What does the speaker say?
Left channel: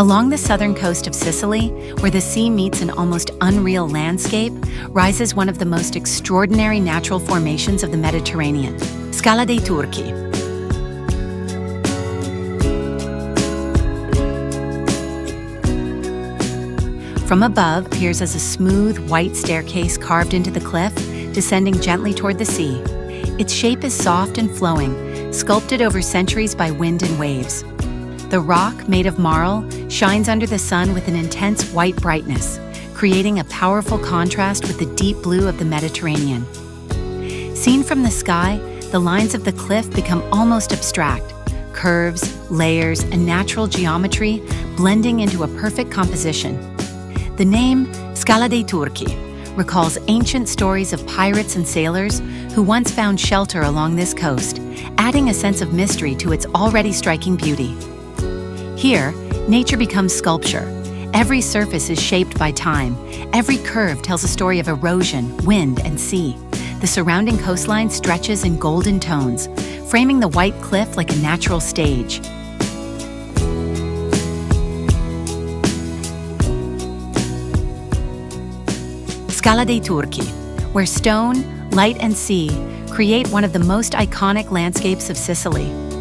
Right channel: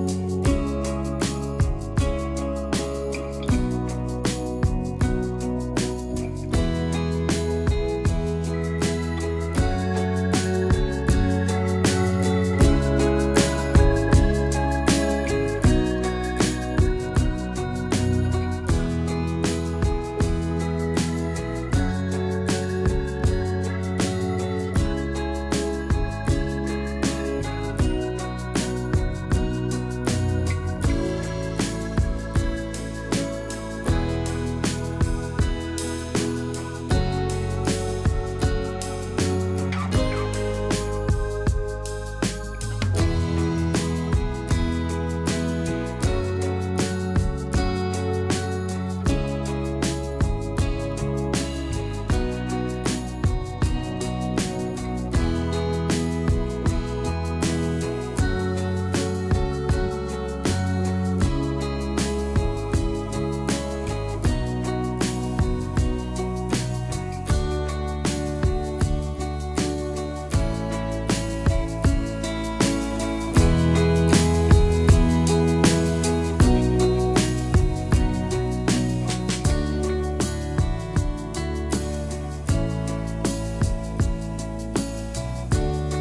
Along the southern coast of Sicily, where the sea meets an almost unreal landscape, rises one of the most extraordinary natural formations of the Mediterranean, Scala dei Turchi. From above appears as a smooth, white staircase carved into the cliff, descending gently toward the sea. Its shape is soft and flowing, sculpted over centuries by wind and waves. The rock, made of marl, shines under the sun with an intense white brightness, creating a powerful contrast with the deep blue of the Mediterranean. Seen from the sky, the lines of the cliff become almost abstract, curves, layers, and natural geometry blending into a perfect composition. The name Scala dei Turchi recalls ancient stories of pirates and sailors who once found shelter along this coast, adding a sense of mystery to its already striking beauty. Here, nature becomes sculpture. Every surface is shaped by time. Every curve tells a story of erosion, wind, and sea. The surrounding coastline stretches in golden tones, framing the white cliff like a natural stage. Scala dei Turchi, where stone, light, and sea create one of the most iconic landscapes of Sicily.